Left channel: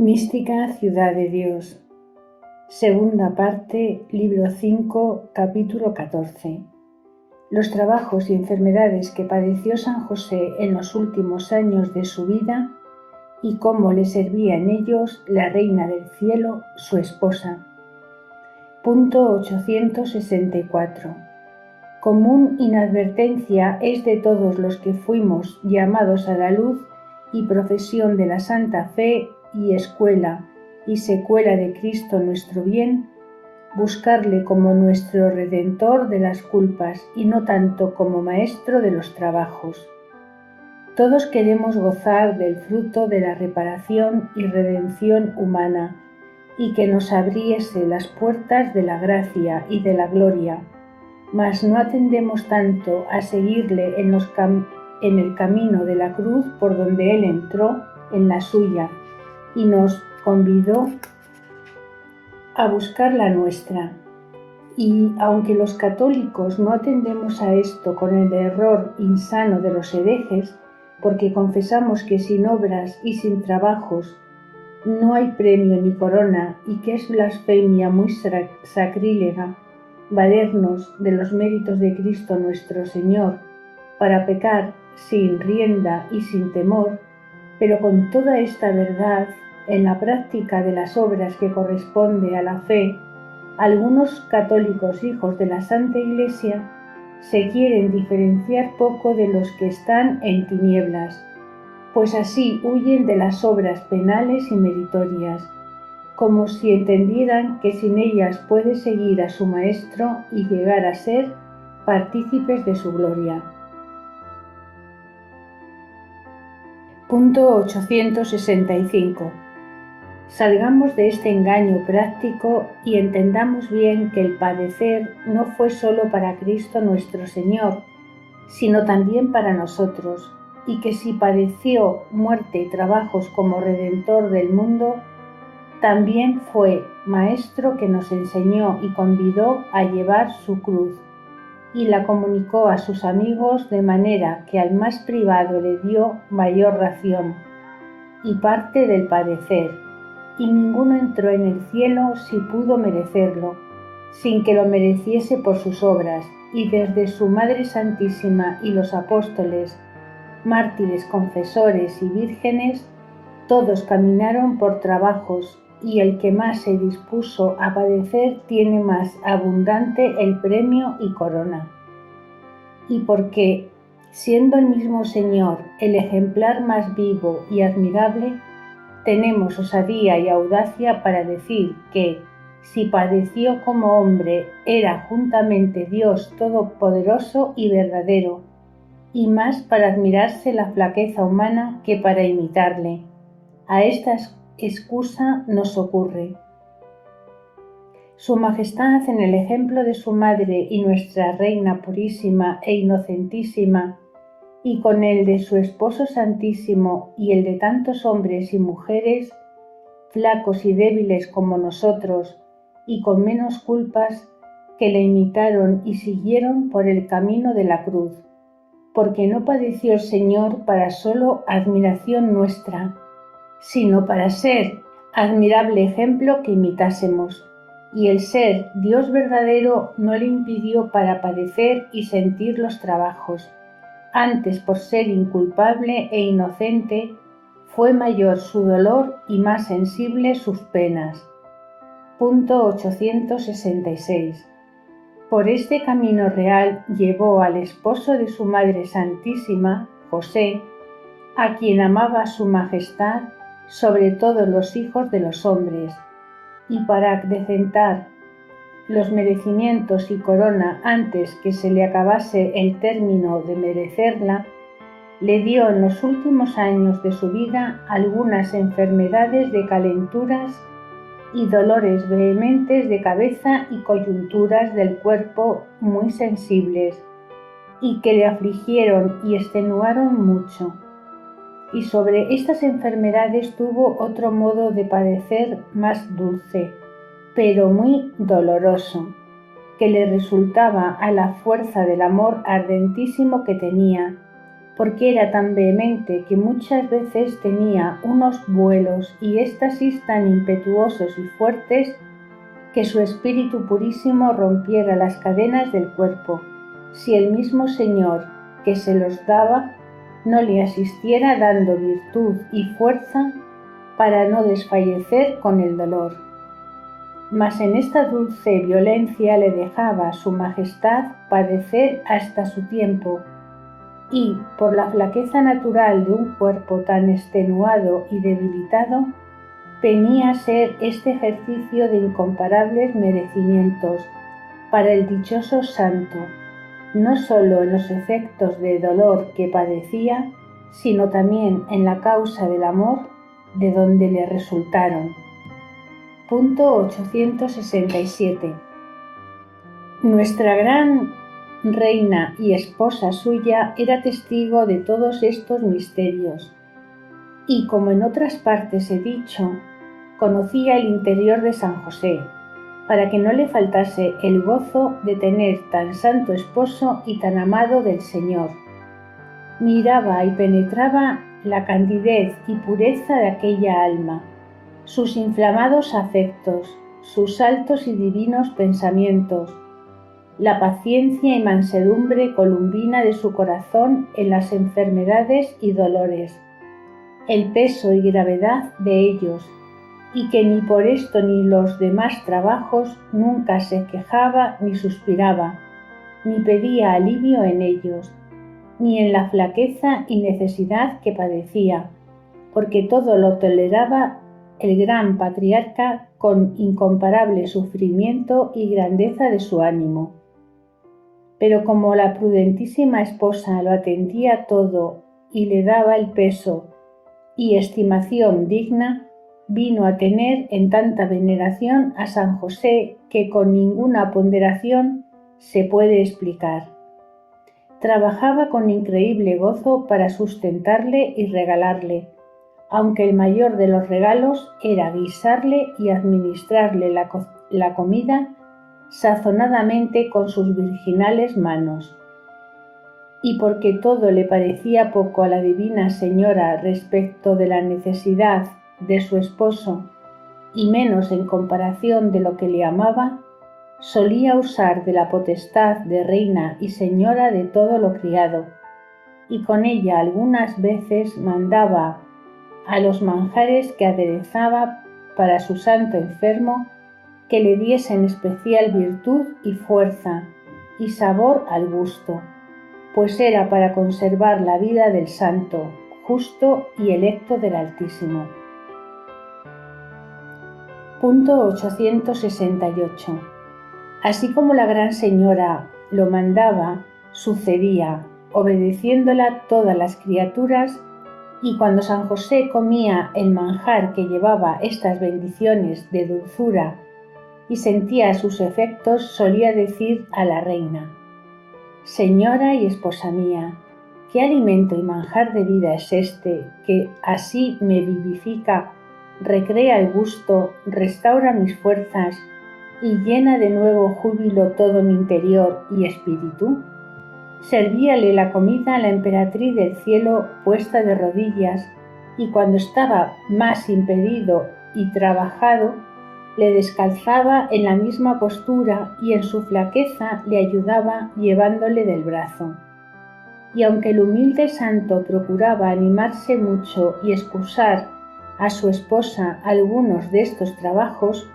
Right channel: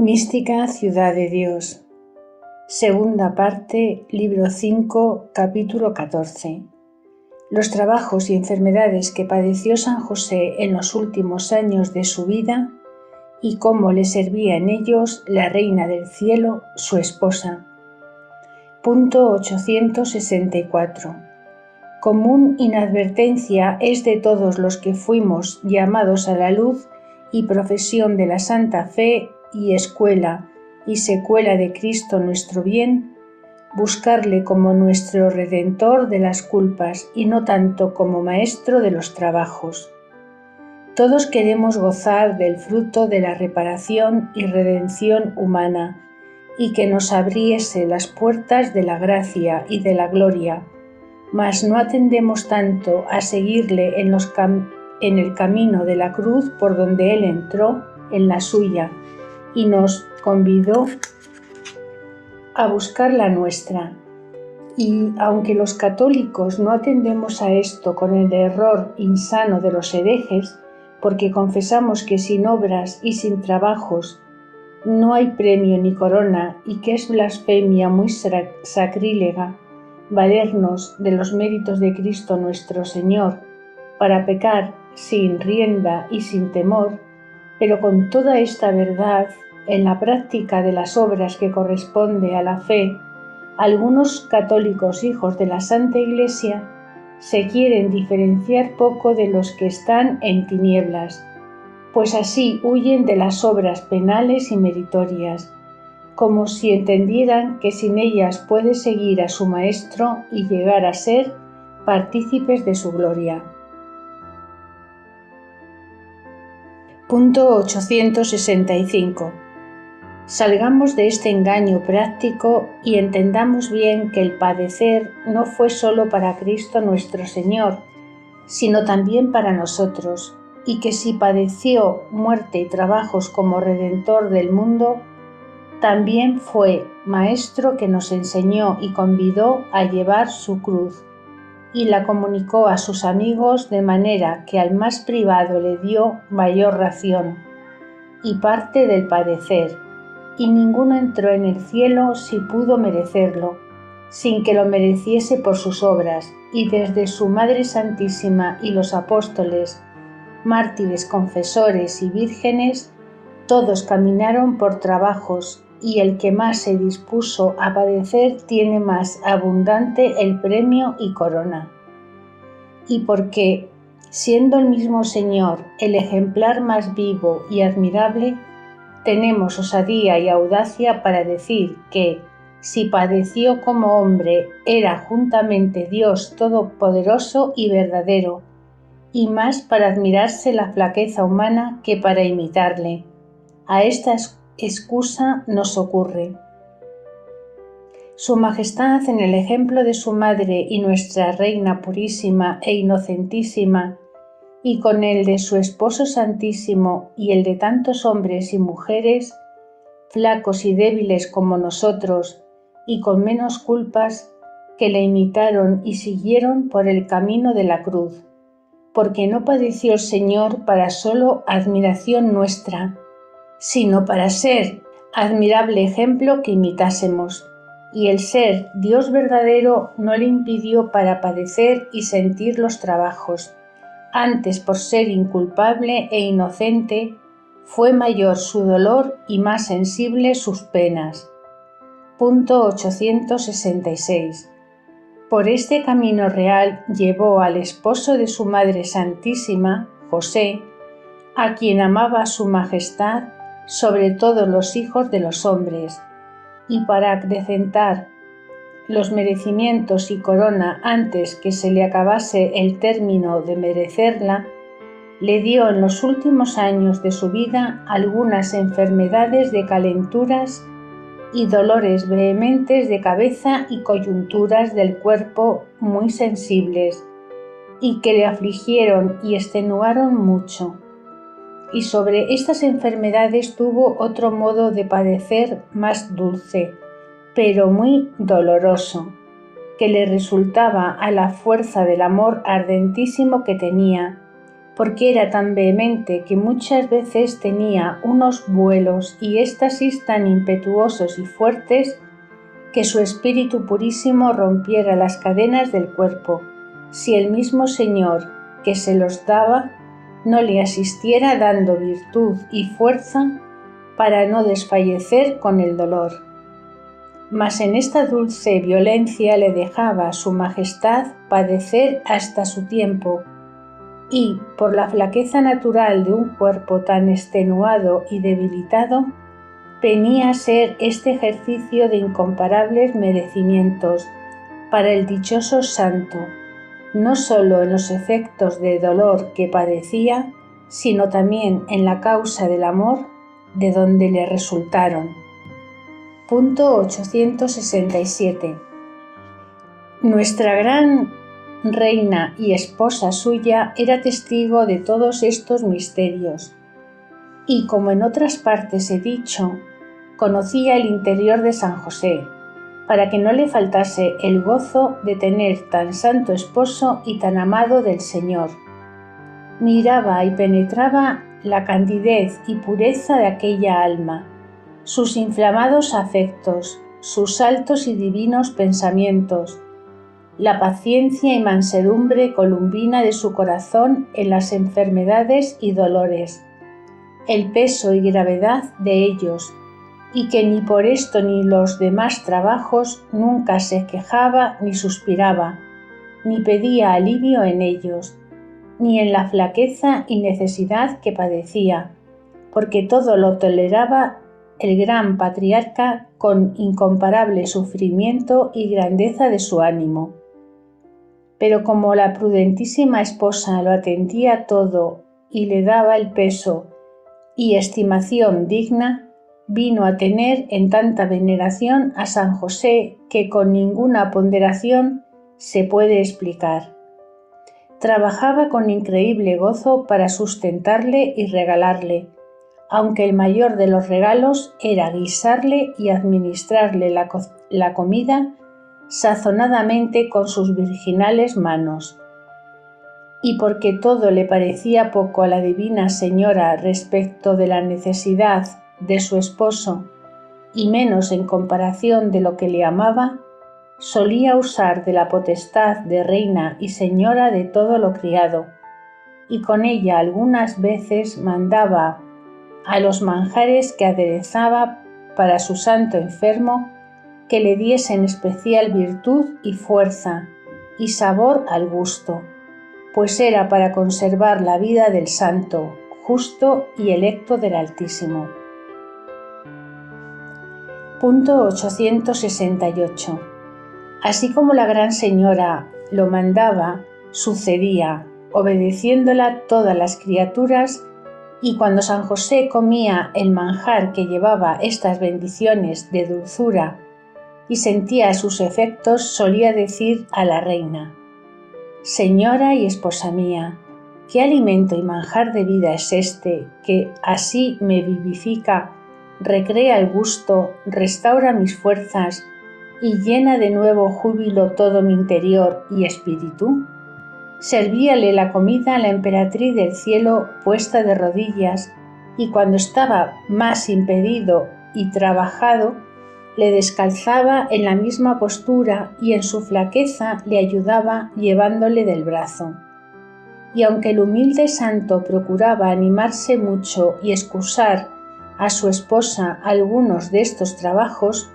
Mística Ciudad de Dios. Segunda parte, libro 5, capítulo 14. Los trabajos y enfermedades que padeció San José en los últimos años de su vida y cómo le servía en ellos la Reina del Cielo, su esposa. Punto 864. Común inadvertencia es de todos los que fuimos llamados a la luz y profesión de la Santa Fe y escuela y secuela de Cristo nuestro bien, buscarle como nuestro Redentor de las culpas y no tanto como Maestro de los trabajos. Todos queremos gozar del fruto de la reparación y redención humana y que nos abriese las puertas de la gracia y de la gloria, mas no atendemos tanto a seguirle en el camino de la cruz por donde Él entró en la suya y nos convidó a buscar la nuestra. Y aunque los católicos no atendemos a esto con el error insano de los herejes, porque confesamos que sin obras y sin trabajos no hay premio ni corona y que es blasfemia muy sacrílega valernos de los méritos de Cristo nuestro Señor para pecar sin rienda y sin temor, pero con toda esta verdad, en la práctica de las obras que corresponde a la fe, algunos católicos hijos de la Santa Iglesia se quieren diferenciar poco de los que están en tinieblas, pues así huyen de las obras penales y meritorias, como si entendieran que sin ellas puede seguir a su Maestro y llegar a ser partícipes de su gloria. Punto 865. Salgamos de este engaño práctico y entendamos bien que el padecer no fue solo para Cristo nuestro Señor, sino también para nosotros, y que si padeció muerte y trabajos como Redentor del mundo, también fue Maestro que nos enseñó y convidó a llevar su cruz, y la comunicó a sus amigos de manera que al más privado le dio mayor ración y parte del padecer, y ninguno entró en el cielo si pudo merecerlo, sin que lo mereciese por sus obras, y desde su Madre Santísima y los apóstoles, mártires, confesores y vírgenes, todos caminaron por trabajos, y el que más se dispuso a padecer tiene más abundante el premio y corona. Y porque, siendo el mismo Señor el ejemplar más vivo y admirable, tenemos osadía y audacia para decir que, si padeció como hombre, era juntamente Dios todopoderoso y verdadero, y más para admirarse la flaqueza humana que para imitarle. A esta excusa nos ocurre. Su Majestad, en el ejemplo de su Madre y nuestra Reina purísima e inocentísima, y con el de su Esposo Santísimo y el de tantos hombres y mujeres, flacos y débiles como nosotros, y con menos culpas, que le imitaron y siguieron por el camino de la cruz, porque no padeció el Señor para solo admiración nuestra, sino para ser admirable ejemplo que imitásemos, y el ser Dios verdadero no le impidió para padecer y sentir los trabajos. Antes, por ser inculpable e inocente, fue mayor su dolor y más sensible sus penas. Punto 866. Por este camino real llevó al esposo de su Madre Santísima, José, a quien amaba su Majestad sobre todos los hijos de los hombres, y para acrecentar los merecimientos y corona antes que se le acabase el término de merecerla, le dio en los últimos años de su vida algunas enfermedades de calenturas y dolores vehementes de cabeza y coyunturas del cuerpo muy sensibles, y que le afligieron y extenuaron mucho. Y sobre estas enfermedades tuvo otro modo de padecer más dulce, pero muy doloroso, que le resultaba a la fuerza del amor ardentísimo que tenía, porque era tan vehemente que muchas veces tenía unos vuelos y éxtasis tan impetuosos y fuertes que su espíritu purísimo rompiera las cadenas del cuerpo, si el mismo Señor que se los daba no le asistiera dando virtud y fuerza para no desfallecer con el dolor. Mas en esta dulce violencia le dejaba su majestad padecer hasta su tiempo, y, por la flaqueza natural de un cuerpo tan extenuado y debilitado, venía a ser este ejercicio de incomparables merecimientos para el dichoso santo, no sólo en los efectos de dolor que padecía, sino también en la causa del amor de donde le resultaron. Punto 867. Nuestra gran reina y esposa suya era testigo de todos estos misterios, y como en otras partes he dicho, conocía el interior de San José, para que no le faltase el gozo de tener tan santo esposo y tan amado del Señor. Miraba y penetraba la candidez y pureza de aquella alma, sus inflamados afectos, sus altos y divinos pensamientos, la paciencia y mansedumbre columbina de su corazón en las enfermedades y dolores, el peso y gravedad de ellos, y que ni por esto ni los demás trabajos nunca se quejaba ni suspiraba, ni pedía alivio en ellos, ni en la flaqueza y necesidad que padecía, porque todo lo toleraba el gran patriarca con incomparable sufrimiento y grandeza de su ánimo. Pero como la prudentísima esposa lo atendía todo y le daba el peso y estimación digna, vino a tener en tanta veneración a San José que con ninguna ponderación se puede explicar. Trabajaba con increíble gozo para sustentarle y regalarle, aunque el mayor de los regalos era guisarle y administrarle la comida sazonadamente con sus virginales manos. Y porque todo le parecía poco a la divina señora respecto de la necesidad de su esposo y menos en comparación de lo que le amaba, solía usar de la potestad de reina y señora de todo lo criado, y con ella algunas veces mandaba a los manjares que aderezaba para su santo enfermo que le diesen especial virtud y fuerza y sabor al gusto, pues era para conservar la vida del santo, justo y electo del Altísimo. Punto 868. Así como la Gran Señora lo mandaba, sucedía, obedeciéndola todas las criaturas, y cuando San José comía el manjar que llevaba estas bendiciones de dulzura y sentía sus efectos, solía decir a la reina: «Señora y esposa mía, ¿qué alimento y manjar de vida es este que así me vivifica, recrea el gusto, restaura mis fuerzas y llena de nuevo júbilo todo mi interior y espíritu?» Servíale la comida la emperatriz del cielo puesta de rodillas, y cuando estaba más impedido y trabajado, le descalzaba en la misma postura y en su flaqueza le ayudaba llevándole del brazo. Y aunque el humilde santo procuraba animarse mucho y excusar a su esposa algunos de estos trabajos,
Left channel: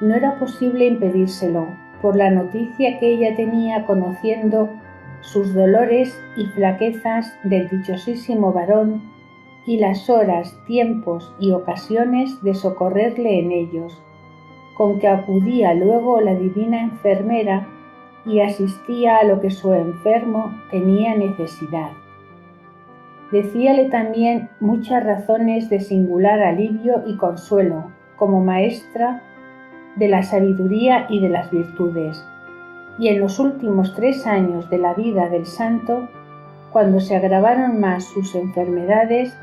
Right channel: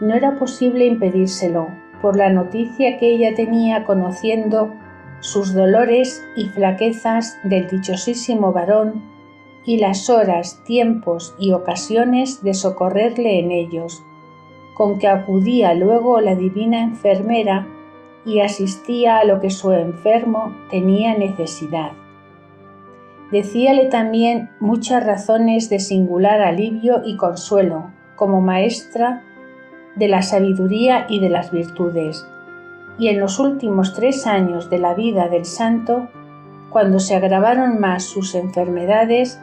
no era posible impedírselo, por la noticia que ella tenía conociendo sus dolores y flaquezas del dichosísimo varón y las horas, tiempos y ocasiones de socorrerle en ellos, con que acudía luego la divina enfermera y asistía a lo que su enfermo tenía necesidad. Decíale también muchas razones de singular alivio y consuelo, como maestra de la sabiduría y de las virtudes. Y en los últimos 3 años de la vida del santo, cuando se agravaron más sus enfermedades,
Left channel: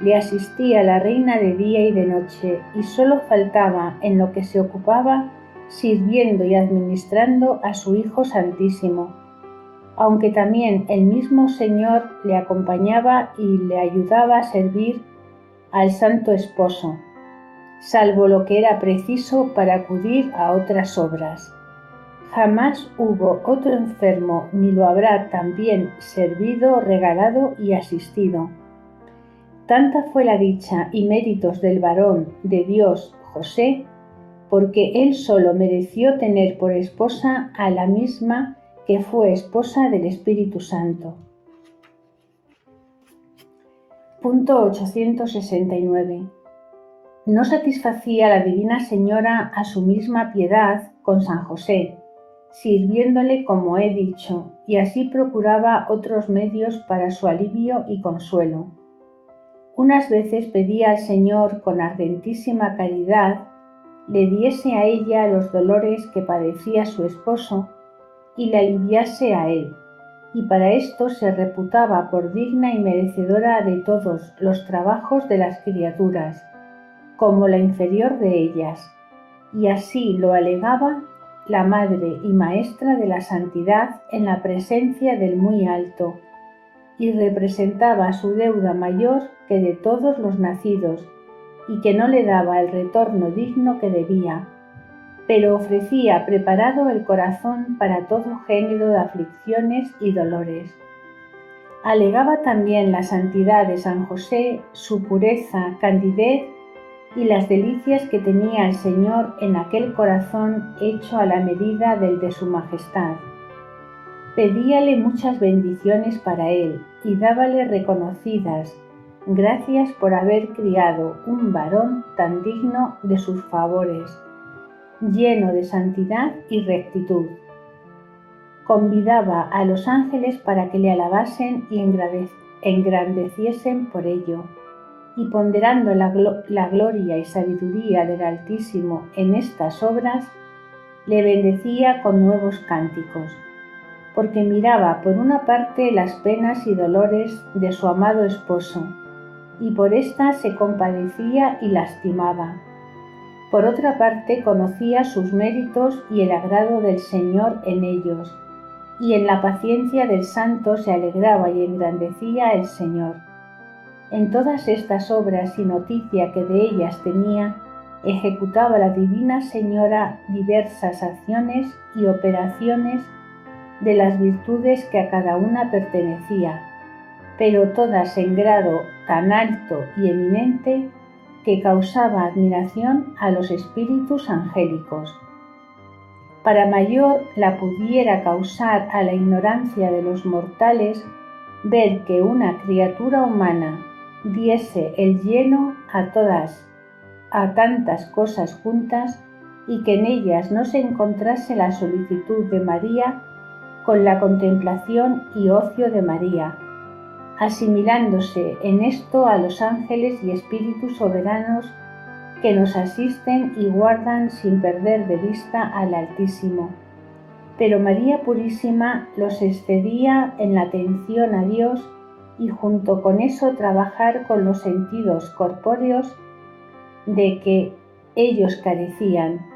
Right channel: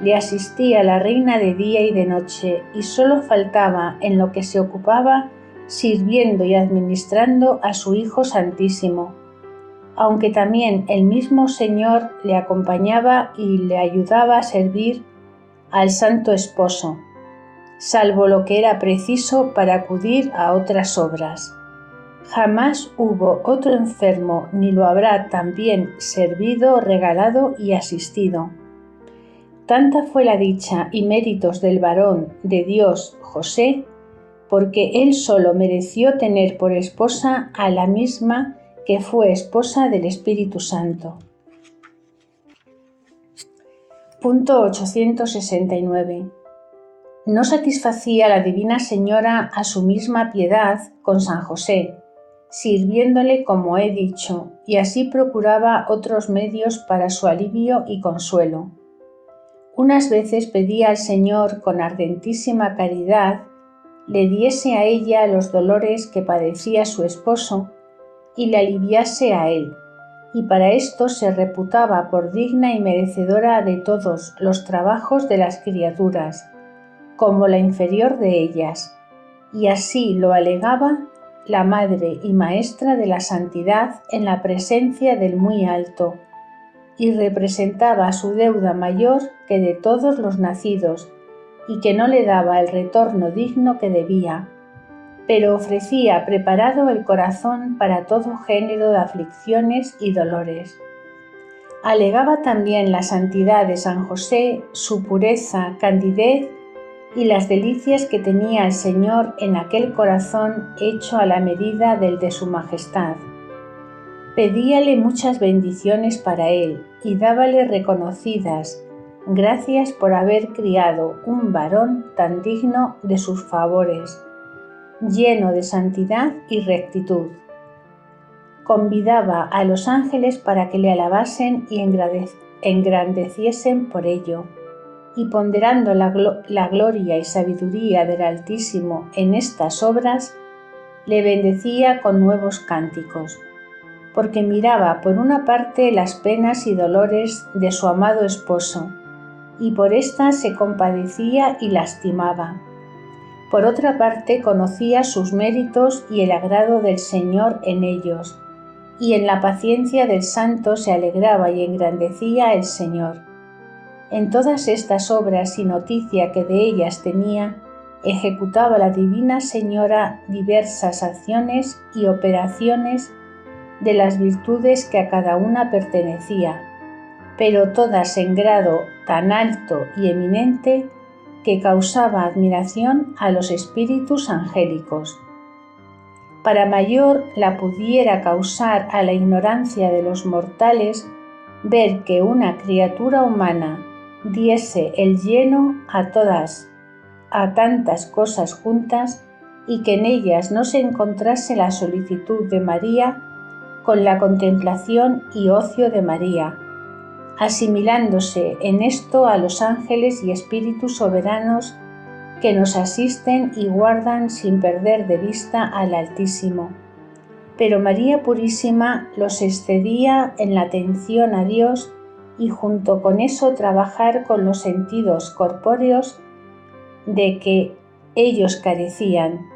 le asistía la reina de día y de noche, y solo faltaba en lo que se ocupaba sirviendo y administrando a su Hijo Santísimo, aunque también el mismo Señor le acompañaba y le ayudaba a servir al Santo Esposo, salvo lo que era preciso para acudir a otras obras. Jamás hubo otro enfermo ni lo habrá tan bien servido, regalado y asistido. Tanta fue la dicha y méritos del varón de Dios José, porque él solo mereció tener por esposa a la misma que fue esposa del Espíritu Santo. Punto 869. No satisfacía la Divina Señora a su misma piedad con San José, sirviéndole como he dicho, y así procuraba otros medios para su alivio y consuelo. Unas veces pedía al Señor con ardentísima caridad le diese a ella los dolores que padecía su esposo y le aliviase a él, y para esto se reputaba por digna y merecedora de todos los trabajos de las criaturas, como la inferior de ellas, y así lo alegaba la Madre y Maestra de la Santidad en la presencia del Muy Alto, y representaba su deuda mayor que de todos los nacidos, y que no le daba el retorno digno que debía, pero ofrecía preparado el corazón para todo género de aflicciones y dolores. Alegaba también la santidad de San José, su pureza, candidez y las delicias que tenía el Señor en aquel corazón hecho a la medida del de su majestad. Pedíale muchas bendiciones para él y dábale reconocidas gracias por haber criado un varón tan digno de sus favores, lleno de santidad y rectitud. Convidaba a los ángeles para que le alabasen y engrandeciesen por ello, y ponderando la gloria y sabiduría del Altísimo en estas obras, le bendecía con nuevos cánticos, porque miraba por una parte las penas y dolores de su amado esposo, y por éstas se compadecía y lastimaba. Por otra parte conocía sus méritos y el agrado del Señor en ellos, y en la paciencia del santo se alegraba y engrandecía el Señor. En todas estas obras y noticia que de ellas tenía, ejecutaba la Divina Señora diversas acciones y operaciones de las virtudes que a cada una pertenecía, pero todas en grado tan alto y eminente que causaba admiración a los espíritus angélicos. Para mayor la pudiera causar a la ignorancia de los mortales ver que una criatura humana diese el lleno a tantas cosas juntas y que en ellas no se encontrase la solicitud de María con la contemplación y ocio de María, asimilándose en esto a los ángeles y espíritus soberanos que nos asisten y guardan sin perder de vista al Altísimo. Pero María Purísima los excedía en la atención a Dios y junto con eso trabajar con los sentidos corpóreos de que ellos carecían.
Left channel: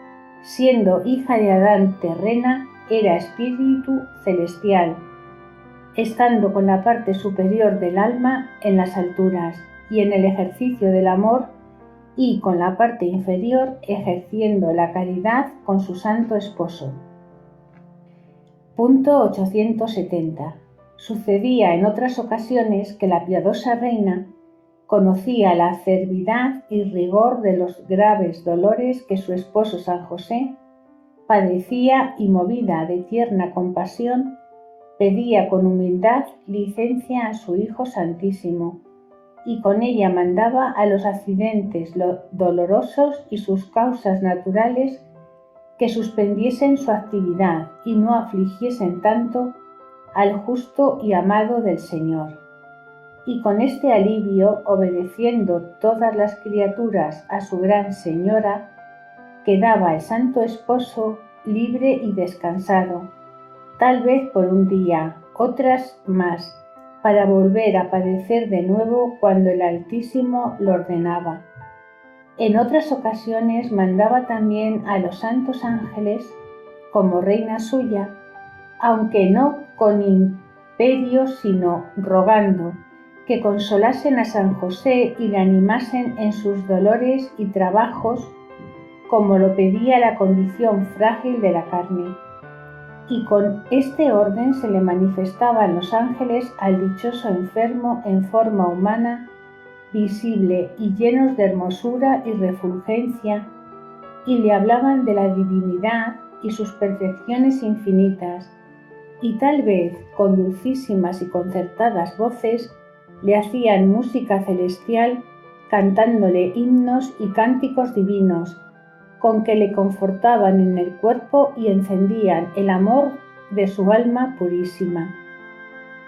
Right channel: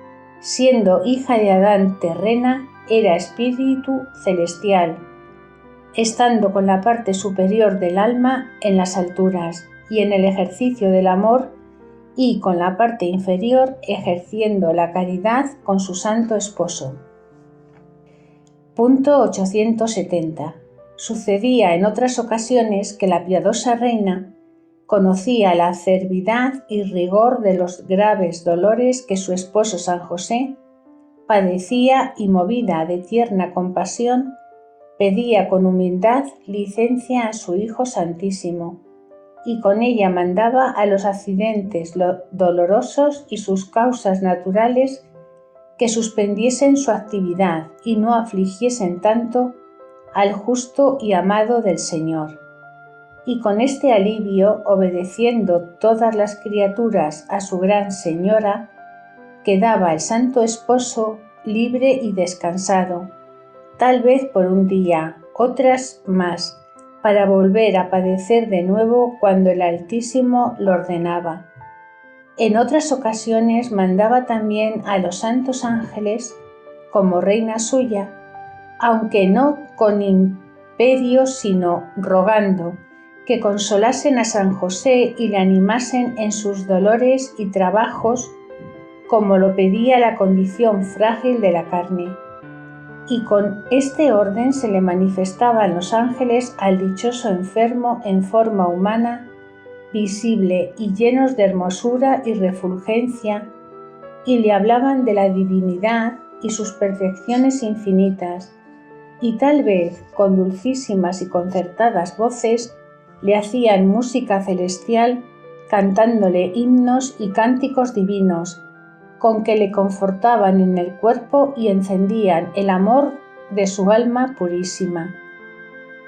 Siendo hija de Adán terrena, era espíritu celestial, estando con la parte superior del alma en las alturas y en el ejercicio del amor, y con la parte inferior ejerciendo la caridad con su santo esposo. Punto 870. Sucedía en otras ocasiones que la piadosa reina conocía la acerbidad y rigor de los graves dolores que su esposo San José padecía y movida de tierna compasión, pedía con humildad licencia a su Hijo Santísimo, y con ella mandaba a los accidentes dolorosos y sus causas naturales que suspendiesen su actividad y no afligiesen tanto al justo y amado del Señor. Y con este alivio, obedeciendo todas las criaturas a su gran Señora, quedaba el Santo Esposo libre y descansado, tal vez por un día, otras más, para volver a padecer de nuevo cuando el Altísimo lo ordenaba. En otras ocasiones mandaba también a los santos ángeles, como reina suya, aunque no con imperio, sino rogando que consolasen a San José y le animasen en sus dolores y trabajos, como lo pedía la condición frágil de la carne. Y con este orden se le manifestaban los ángeles al dichoso enfermo en forma humana, visible y llenos de hermosura y refulgencia, y le hablaban de la divinidad y sus perfecciones infinitas, y tal vez con dulcísimas y concertadas voces le hacían música celestial, cantándole himnos y cánticos divinos, con que le confortaban en el cuerpo y encendían el amor de su alma purísima.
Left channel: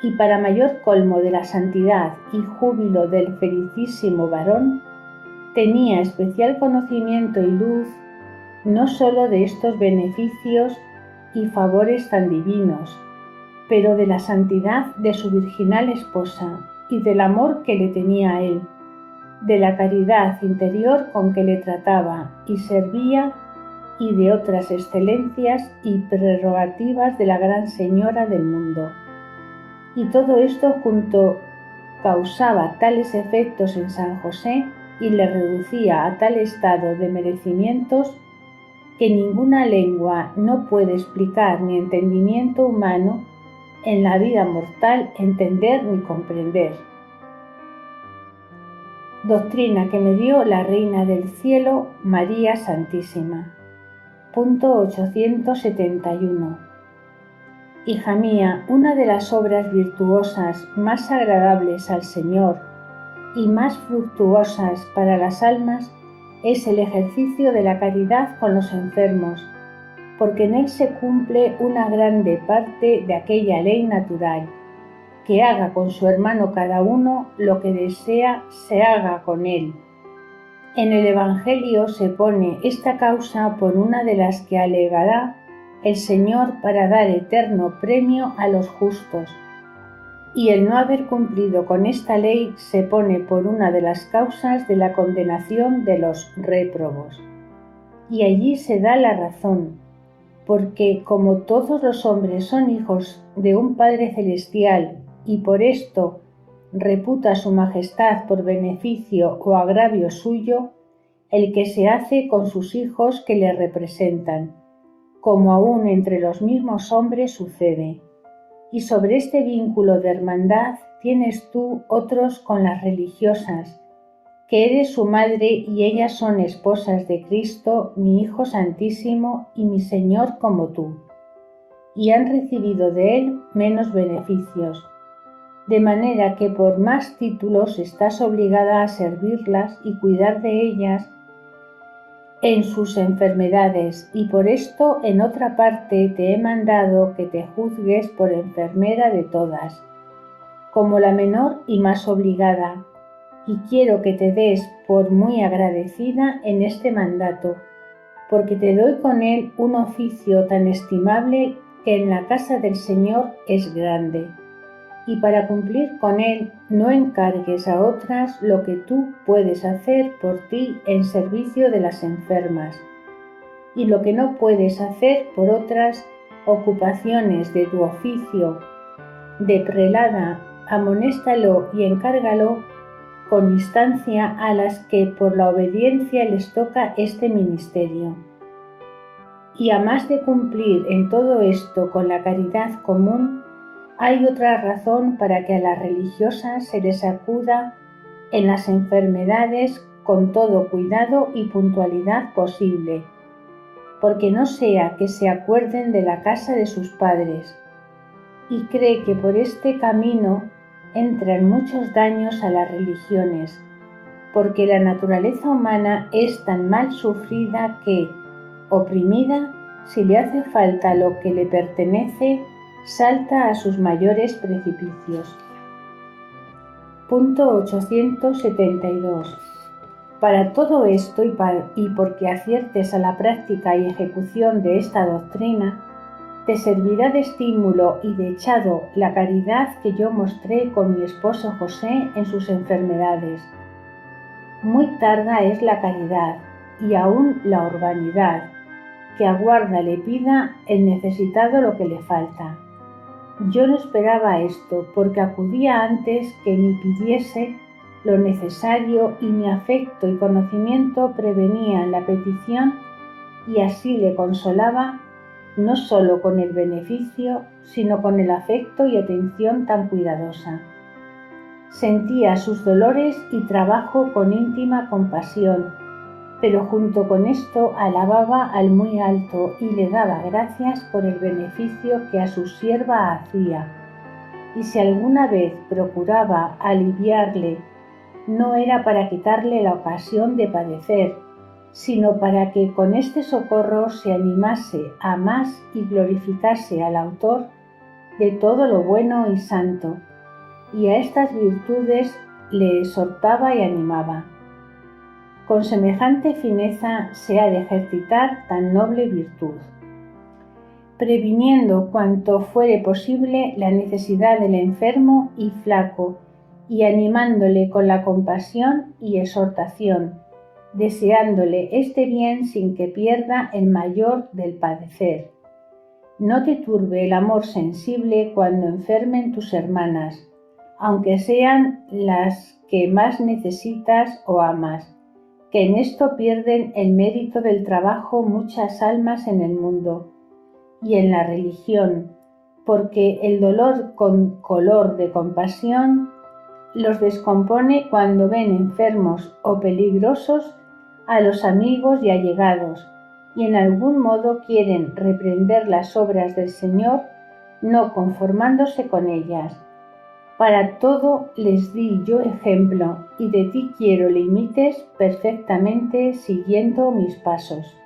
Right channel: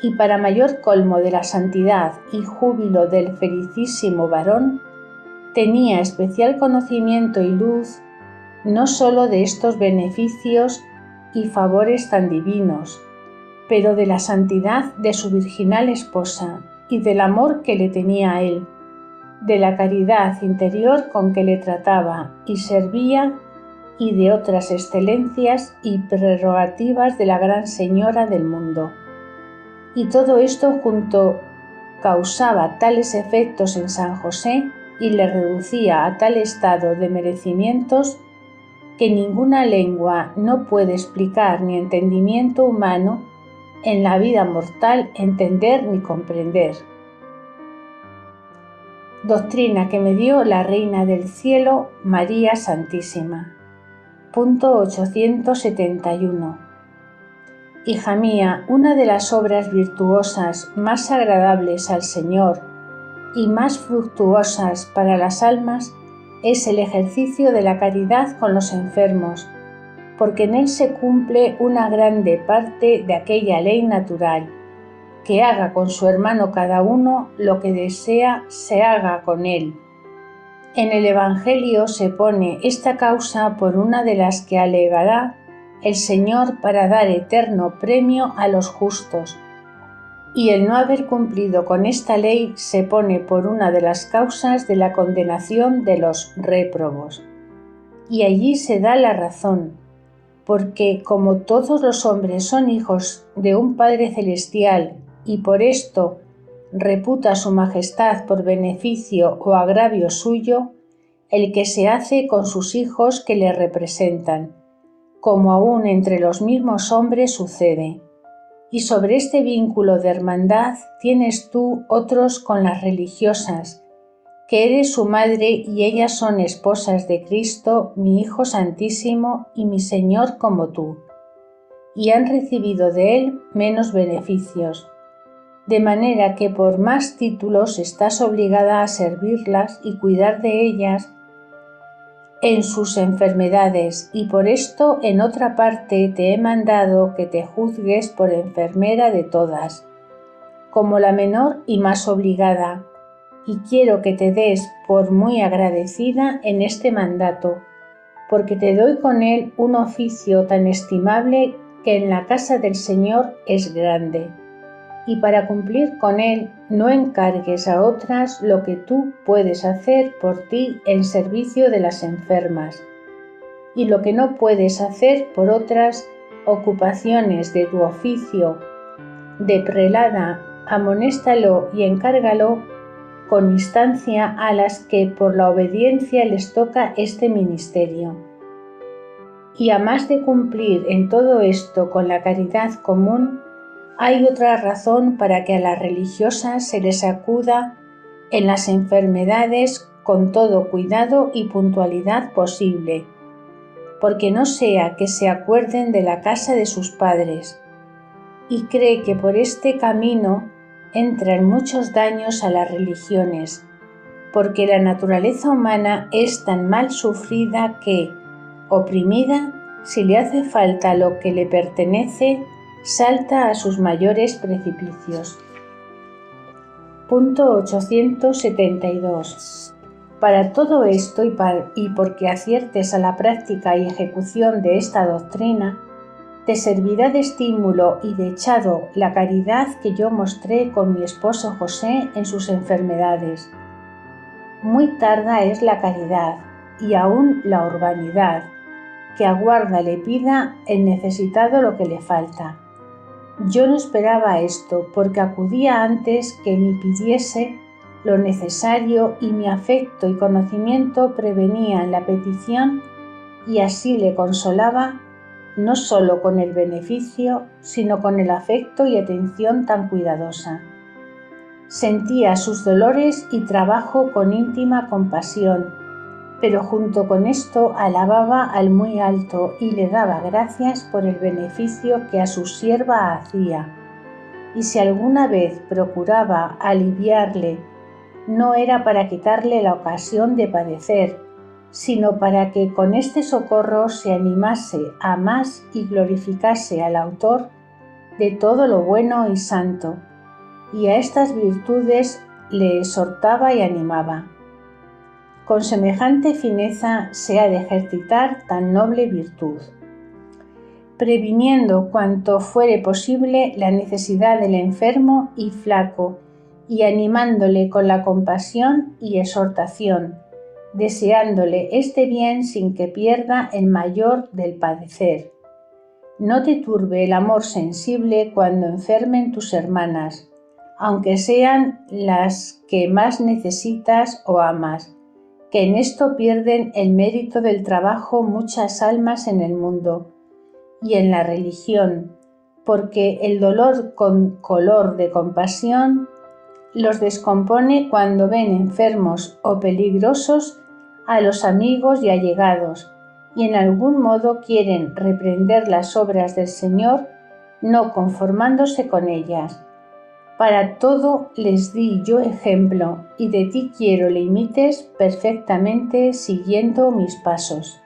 Y para mayor colmo de la santidad y júbilo del felicísimo varón, tenía especial conocimiento y luz no sólo de estos beneficios y favores tan divinos, pero de la santidad de su virginal esposa y del amor que le tenía a él, de la caridad interior con que le trataba y servía, y de otras excelencias y prerrogativas de la gran señora del mundo. Y todo esto junto causaba tales efectos en San José y le reducía a tal estado de merecimientos que ninguna lengua no puede explicar ni entendimiento humano en la vida mortal entender ni comprender. Doctrina que me dio la Reina del Cielo, María Santísima. Punto 871. Hija mía, una de las obras virtuosas más agradables al Señor y más fructuosas para las almas es el ejercicio de la caridad con los enfermos, porque en él se cumple una grande parte de aquella ley natural, que haga con su hermano cada uno lo que desea se haga con él. En el Evangelio se pone esta causa por una de las que alegará el Señor para dar eterno premio a los justos, y el no haber cumplido con esta ley se pone por una de las causas de la condenación de los réprobos. Y allí se da la razón, porque como todos los hombres son hijos de un Padre Celestial y por esto reputa su majestad por beneficio o agravio suyo, el que se hace con sus hijos que le representan, como aún entre los mismos hombres sucede. Y sobre este vínculo de hermandad tienes tú otros con las religiosas, que eres su madre y ellas son esposas de Cristo, mi Hijo Santísimo y mi Señor como tú, y han recibido de él menos beneficios, de manera que por más títulos estás obligada a servirlas y cuidar de ellas en sus enfermedades, y por esto en otra parte te he mandado que te juzgues por enfermera de todas, como la menor y más obligada, y quiero que te des por muy agradecida en este mandato, porque te doy con él un oficio tan estimable que en la casa del Señor es grande, y para cumplir con él no encargues a otras lo que tú puedes hacer por ti en servicio de las enfermas, y lo que no puedes hacer por otras ocupaciones de tu oficio de prelada, amonéstalo y encárgalo con instancia a las que por la obediencia les toca este ministerio. Y a más de cumplir en todo esto con la caridad común, hay otra razón para que a las religiosas se les acuda en las enfermedades con todo cuidado y puntualidad posible, porque no sea que se acuerden de la casa de sus padres, y cree que por este camino entran muchos daños a las religiones, porque la naturaleza humana es tan mal sufrida que, oprimida, si le hace falta lo que le pertenece, salta a sus mayores precipicios. Punto 872. Para todo esto y porque aciertes a la práctica y ejecución de esta doctrina, te servirá de estímulo y de echado la caridad que yo mostré con mi esposo José en sus enfermedades. Muy tarda es la caridad y aún la urbanidad, que aguarda le pida el necesitado lo que le falta. Yo no esperaba esto, porque acudía antes que me pidiese lo necesario y mi afecto y conocimiento prevenían la petición y así le consolaba no solo con el beneficio, sino con el afecto y atención tan cuidadosa. Sentía sus dolores y trabajo con íntima compasión, pero junto con esto alababa al muy alto y le daba gracias por el beneficio que a su sierva hacía. Y si alguna vez procuraba aliviarle, no era para quitarle la ocasión de padecer, sino para que con este socorro se animase a más y glorificase al autor de todo lo bueno y santo, y a estas virtudes le exhortaba y animaba. Con semejante fineza se ha de ejercitar tan noble virtud, previniendo cuanto fuere posible la necesidad del enfermo y flaco, y animándole con la compasión y exhortación, deseándole este bien sin que pierda el mayor del padecer. No te turbe el amor sensible cuando enfermen tus hermanas, aunque sean las que más necesitas o amas, que en esto pierden el mérito del trabajo muchas almas en el mundo y en la religión, porque el dolor con color de compasión los descompone cuando ven enfermos o peligrosos a los amigos y allegados, y en algún modo quieren reprender las obras del Señor, no conformándose con ellas. Para todo les di yo ejemplo, y de ti quiero le imites perfectamente siguiendo mis pasos.